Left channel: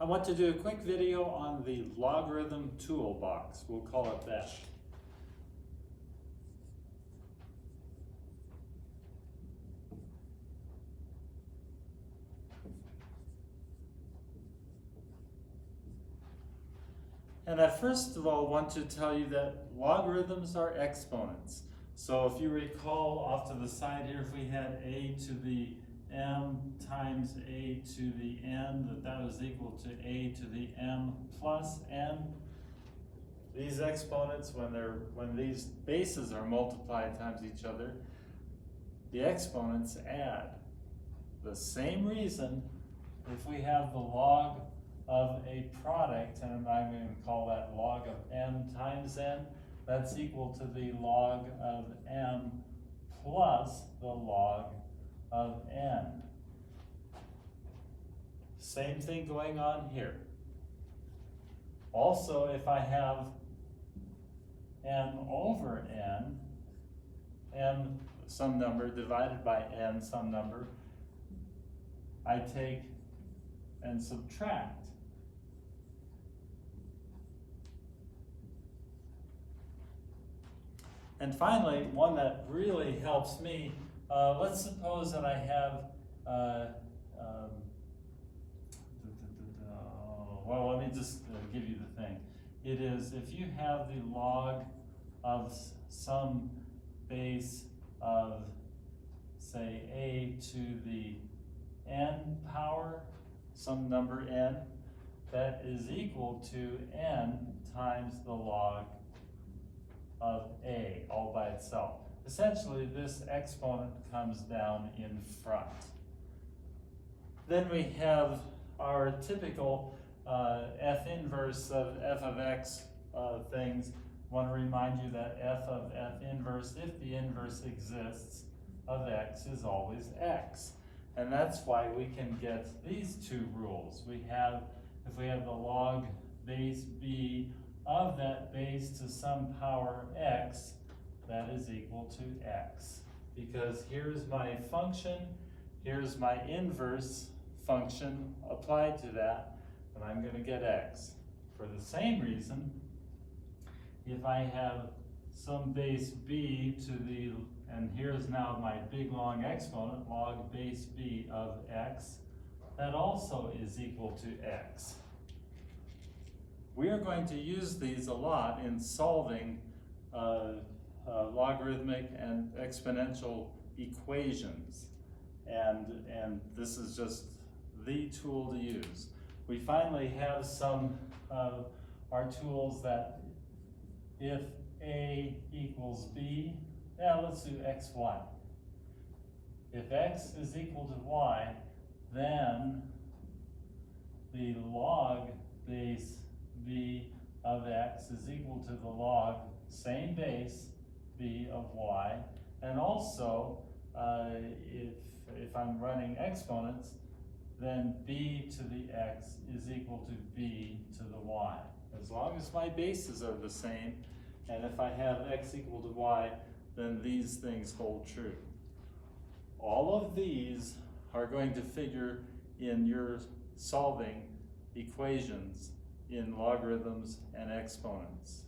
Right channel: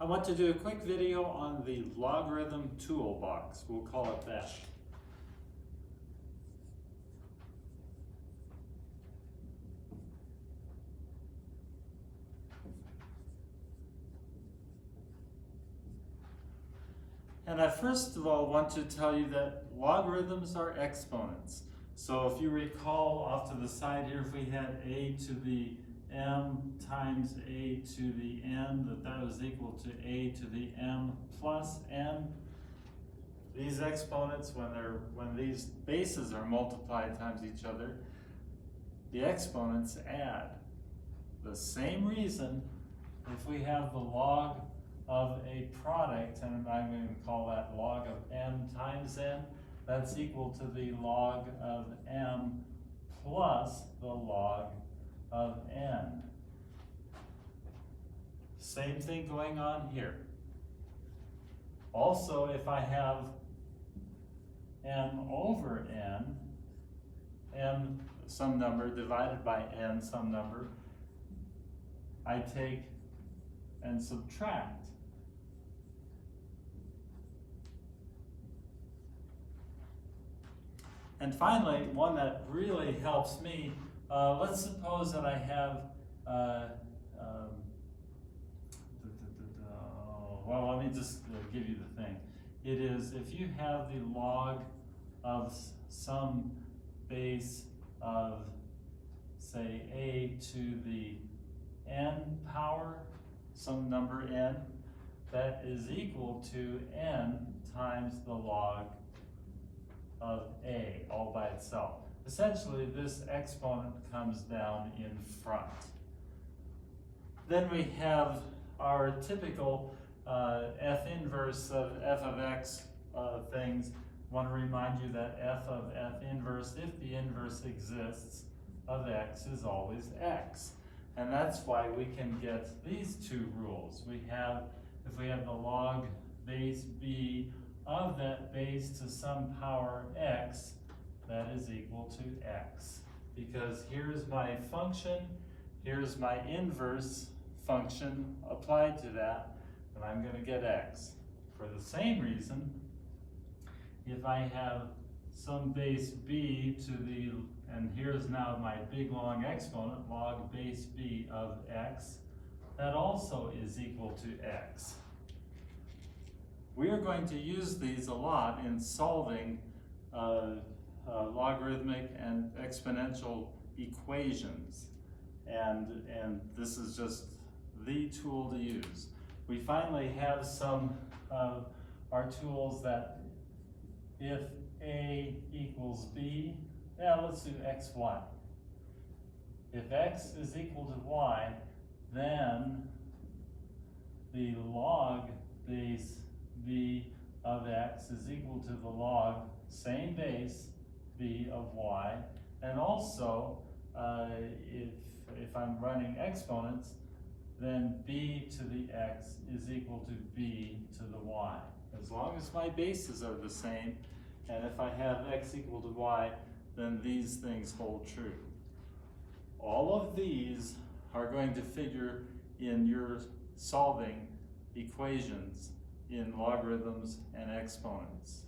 I want to do a quick video on the Logarithm Toolbox. We'll call it that. And I first of all want to tell you that logarithms are exponents. So if you recall off to the side here, if we had a to the m times a to the n, that was equal to a to the m plus n. These exponents, when these bases are multiplied times each other, the exponents add. The same reason if we have the log of a product, and I'm going to call that log of m times n, that's equal to the log of m plus the log of n. Same thing going on here. Also, if I have m over n, m some number divided by n some number, I take and subtract. And finally, one that really helps me, let's suppose that I have, well, let me just give you the thing. It is if you have the log of some base of, say, a to the n power, some number n, that is equal to n times the log of a, all by itself. Essentially, this exponent comes down in front. Then we have our typical f inverse of f of x things. I want to remind you that f of f inverse, if the inverse exists, of x is always x. And that's why we can get these two rules. We have, if we have the log base b of that base to some power x, that is equal to x. Because here's my function, here's my inverse function applied to that, and I'm going to get x. For the same reason, if I have some base b to the, and here's now my big long exponent, log base b of x, that also is equal to x. We are going to use these a lot in solving logarithmic and exponential equations. And this is just the tool to use. We finally have some of our tools that if a equals b, let's do xy. If x is equal to y, then the log base b of x is equal to the log, same base, b of y. And also, if I'm running exponents, then b to the x is equal to b to the y. As long as my bases are the same, and if I have x equal to y, then these things hold true. All of these are going to figure in your solving equations in logarithms and exponents.